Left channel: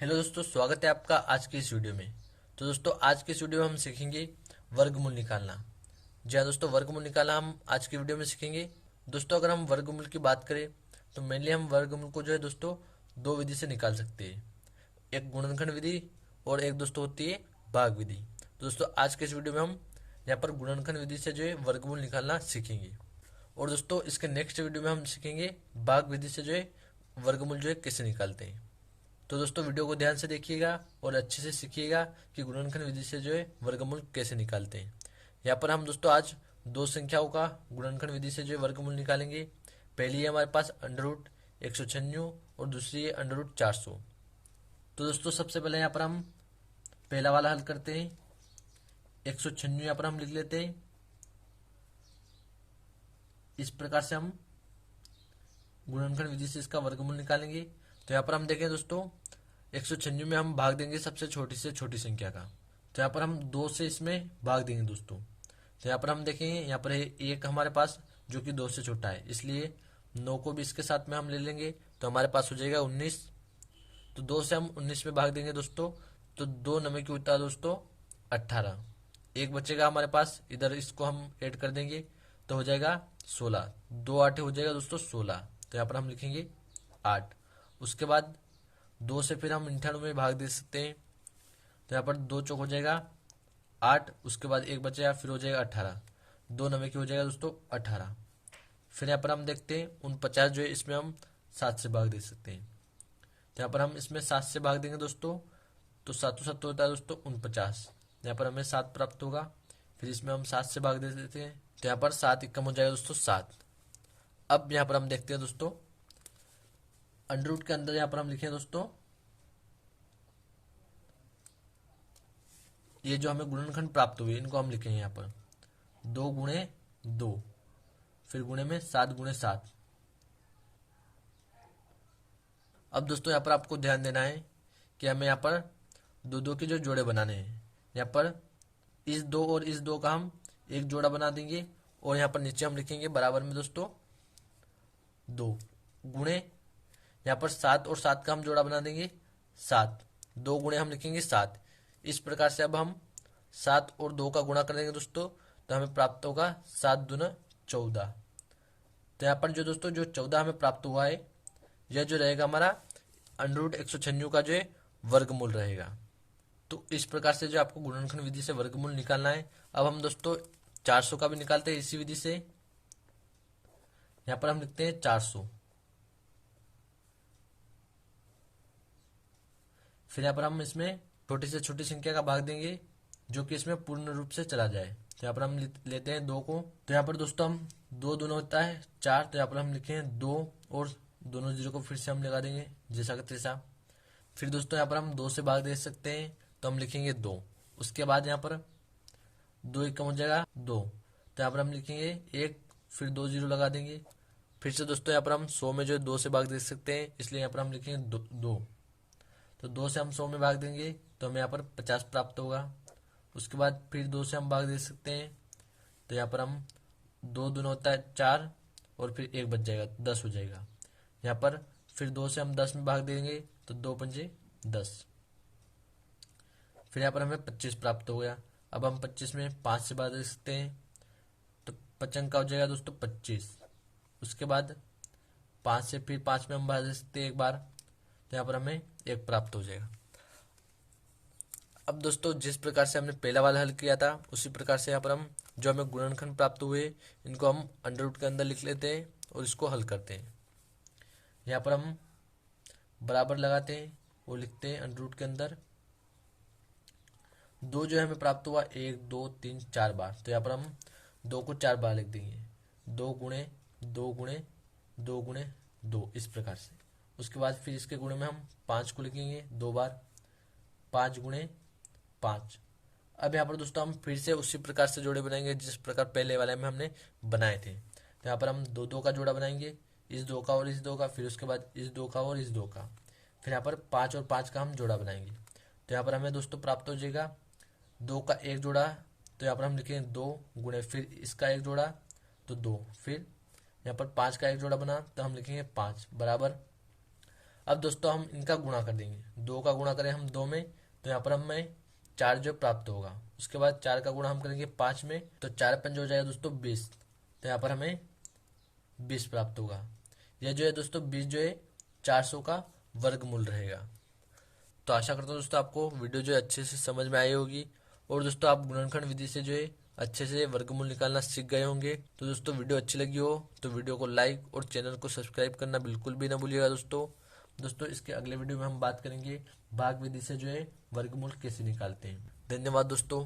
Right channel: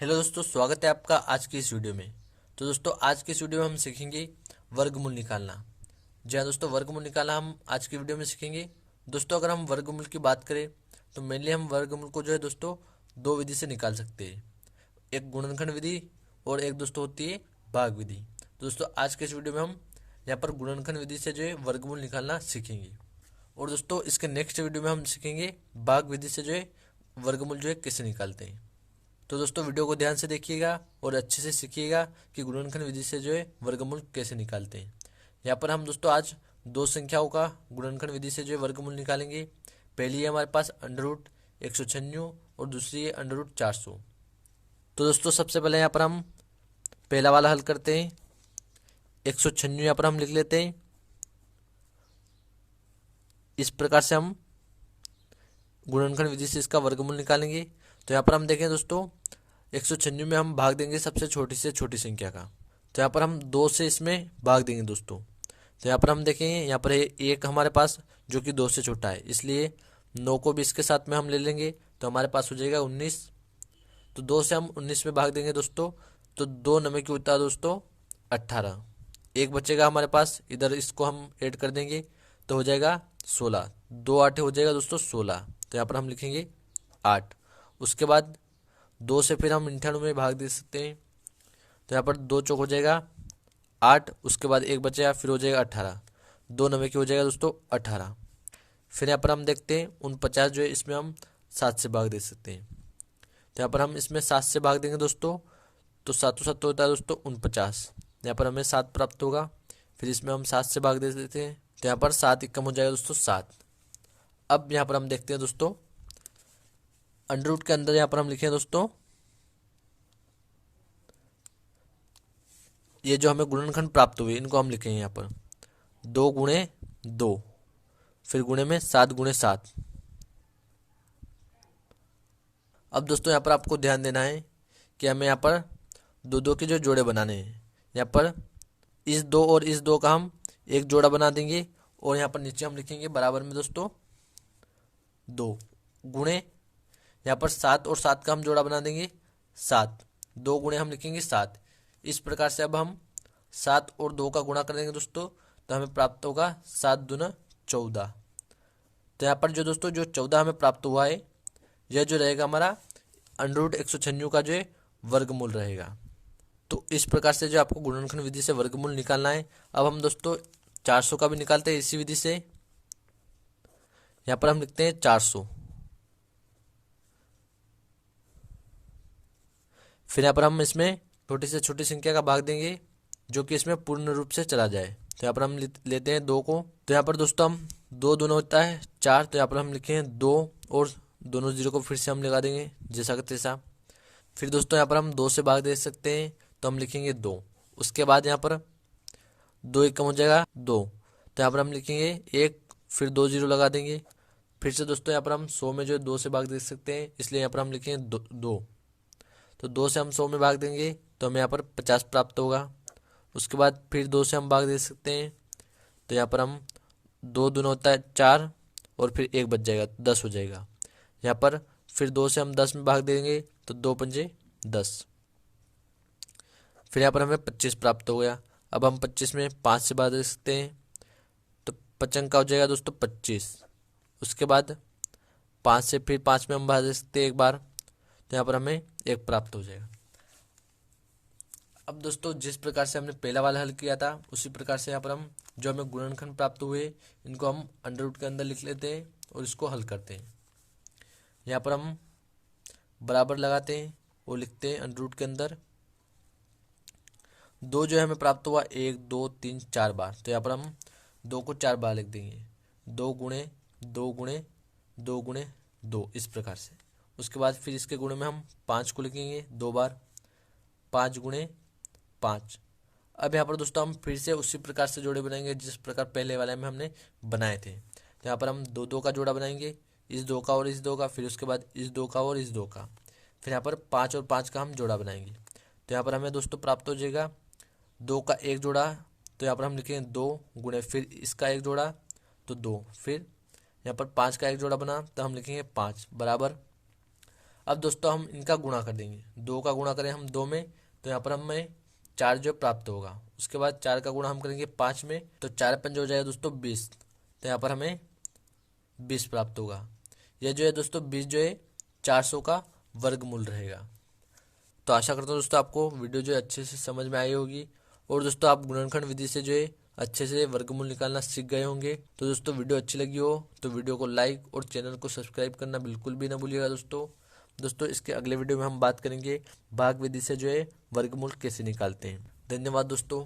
Hello दोस्तों, स्वागत है आपका आज की इस वीडियो में। तो दोस्तों, आज की इस वीडियो में हम सीखेंगे वर्गमूल निकालना। जी हाँ दोस्तों, वर्गमूल निकालना हम आज की वीडियो में सीखेंगे। दोस्तों, अगर हम वर्गमूल की बात करें तो मेनली हम वर्गमूल को जो है दोस्तों दो विधि से निकाल सकते हैं। एक गुणनखंड विधि और एक दोस्तों होती है भाग विधि। तो दोस्तों, आज के इस वीडियो में हम यहाँ पर गुणनखंड विधि से जो है वर्गमूल निकालना सीखेंगे। और दोस्तों, इसके नेक्स्ट वीडियो में हम सीखेंगे भाग विधि से जो है वर्गमूल जो है कैसे निकालते हैं। तो दोस्तों, वीडियो को ध्यान से देखिएगा और अच्छे से सीखिएगा कि गुणनखंड विधि से जो है वर्गमूल कैसे निकालते हैं। यहाँ पर हम दोस्तों आज दो संख्याओं का गुणनखंड विधि से जो है वर्गमूल निकालेंगे। पहली है हमारे पास अंडर रूट 196 और दूसरी है अंडर रूट 400। तो दोस्तों, सबसे पहले यहाँ पर हम पहला वाला हल करते हैं। 196 यहाँ पर हम लिख लेते हैं। इस प्रकार से हम गुणनखंड विधि से इसका वर्गमूल निकालेंगे। तो यहाँ पर हम देखें दोस्तों, 196 में हम भाग देंगे सबसे छोटी से छोटी संख्या का। तो यहाँ पर हम 2 से इसमें भाग देंगे दोस्तों। तो यहाँ पर हम देखेंगे, यहाँ पर है एक हमारे पास जो कि 2 से छोटा है, इसलिए 9 को भी इसके साथ में हम ले लेंगे। तो हमारे पास हो जाएगा 19। तो 2 से हम 19 में भाग देंगे दोस्तों। तो 2 नवे की होता है दोस्तों 18। एक बचेगा हमारे पास, इधर इसको हम ऐड कर देंगे तो हो जाएगा 16। 2 8 हो जाएगा दोस्तों 16। तो यहाँ पर हम लिखेंगे 8। उसके बाद 2 से फिर हम 98 में भाग दे सकते हैं। तो यहाँ पर 2 चौक हो जाएगा 8। उसके बाद एक बचेगा, फिर हो जाएगा 18। 2 नवे की हो जाएगा दोस्तों 18। फिर यहाँ पर हम देखते हैं 49 जो है इसमें हम 7 से भाग दे सकते हैं। तो यहाँ पर हम इसमें 7 से भाग देंगे दोस्तों। तो 7 7 होता है दोस्तों 49। यहाँ पर हमें 7 प्राप्त होगा। फिर इसमें हम 7 से भाग दे देते हैं। तो यहाँ पर 7 कम हो जाएगा दोस्तों 7। अब यहाँ पर हम देखते हैं दोस्तों, अंडर रूट के अंदर यहाँ पर हम लिखे दोस्तों, ये जो हमें गुणनखंड प्राप्त हुए इनको हम लिखेंगे यहाँ पर 2 गुणे 2, फिर गुणे में 7 गुणे 7। अब दोस्तों, यहाँ पर आपको ध्यान देना है कि हमें यहाँ पर दो दो के जो जोड़े बनाने हैं। यहाँ पर इस 2 और इस 2 का हम एक जोड़ा बना देंगे और यहाँ पर नीचे हम लिखेंगे बराबर में दोस्तों 2 गुणे, यहाँ पर 7 और 7 का हम जोड़ा बना देंगे 7। 2 गुणे हम लिखेंगे 7। इस प्रकार से अब हम 7 और 2 का गुणा कर देंगे दोस्तों, तो हमें प्राप्त होगा 7 दूना 14। तो यहाँ पर जो दोस्तों जो 14 हमें प्राप्त हुआ है, यह जो रहेगा हमारा अंडर रूट 196 का जो है वर्गमूल रहेगा। तो इस प्रकार से जो आपको गुणनखंड विधि से वर्गमूल निकालना है। अब हम दोस्तों 400 का भी निकालते हैं इसी विधि से। यहाँ पर हम लिखते हैं 400। फिर यहाँ पर हम इसमें छोटी से छोटी संख्या का भाग देंगे जो कि इसमें पूर्ण रूप से चला जाए। तो यहाँ पर हम लेते हैं 2 को। तो यहाँ पर दोस्तों हम 2 दूना होता है 4। तो यहाँ पर हम लिखे हैं 2 और दोनों जीरो को फिर से हम लगा देंगे जैसा का तैसा। फिर दोस्तों यहाँ पर हम 2 से भाग दे सकते हैं, तो हम लिखेंगे 2। उसके बाद यहाँ पर 2 एक कम हो जाएगा 2। तो यहाँ पर हम लिखेंगे 1, फिर 2 जीरो लगा देंगे। फिर से दोस्तों यहाँ पर हम 100 में जो है 2 से भाग दे सकते हैं, इसलिए यहाँ पर हम लिखेंगे 2। तो 2 से हम 100 में भाग देंगे तो हमें यहाँ पर 50 प्राप्त होगा। उसके बाद फिर 2 से हम भाग दे सकते हैं, तो यहाँ पर हम 2 दूना होता है 4 और फिर 1 बच जाएगा 10 हो जाएगा। यहाँ पर फिर 2 से हम 10 में भाग देंगे तो 2 पंजे 10। फिर यहाँ पर हमें 25 प्राप्त हो गया। अब हम 25 में 5 से भाग दे सकते हैं, तो 5 का हो जाएगा दोस्तों 25। उसके बाद 5 से फिर 5 में हम भाग दे सकते हैं एक बार, तो यहाँ पर हमें 1 प्राप्त हो जाएगा। अब दोस्तों, जिस प्रकार से हमने पहला वाला हल किया था उसी प्रकार से यहाँ पर हम जो हमें गुणनखंड प्राप्त हुए इनको हम अंडर रूट के अंदर लिख लेते हैं और इसको हल करते हैं। यहाँ पर हम बराबर लगाते हैं और लिखते हैं अंडर रूट के अंदर 2 जो है हमें प्राप्त हुआ 1 2 3 4 बार। तो यहाँ पर हम 2 को 4 बार लिख देंगे, 2 गुणे 2 गुणे 2 गुणे 2 इस प्रकार से। उसके बाद फिर इसके गुणे में हम 5 को लिखेंगे 2 बार, 5 गुणे 5। अब यहाँ पर दोस्तों हम फिर से उसी प्रकार से जोड़े बनाएंगे जिस प्रकार पहले वाले में हमने बनाए थे। तो यहाँ पर हम 2 2 का जोड़ा बनाएंगे, इस 2 का और इस 2 का, फिर उसके बाद इस 2 का और इस 2 का। फिर यहाँ पर 5 और 5 का हम जोड़ा बनाएंगे। तो यहाँ पर हमें दोस्तों प्राप्त हो जाएगा 2 का एक जोड़ा। तो यहाँ पर हम लिखेंगे 2 गुणे फिर इसका एक जोड़ा तो 2। फिर यहाँ पर 5 का एक जोड़ा बना तो हम लिखेंगे 5 बराबर। अब दोस्तों हम इनका गुणा कर देंगे, 2 का गुणा करें हम 2 में तो यहाँ पर हमें 4 जो प्राप्त होगा। उसके बाद 4 का गुणा हम करेंगे 5 में तो 4 पंज हो जाएगा दोस्तों 20, तो यहाँ पर हमें 20 प्राप्त होगा। यह जो है दोस्तों 20 जो है 400 का वर्गमूल रहेगा। तो आशा करता हूँ दोस्तों आपको वीडियो जो है अच्छे से समझ में आई होगी और दोस्तों आप गुणनखंड विधि से जो है अच्छे से वर्गमूल निकालना सीख गए होंगे। तो दोस्तों वीडियो अच्छी लगी हो तो वीडियो को लाइक और चैनल को सब्सक्राइब करना बिल्कुल भी ना भूलिएगा दोस्तों इसके अगले वीडियो में हम बात करेंगे भाग विधि से जो है वर्गमूल कैसे निकालते हैं। धन्यवाद दोस्तों।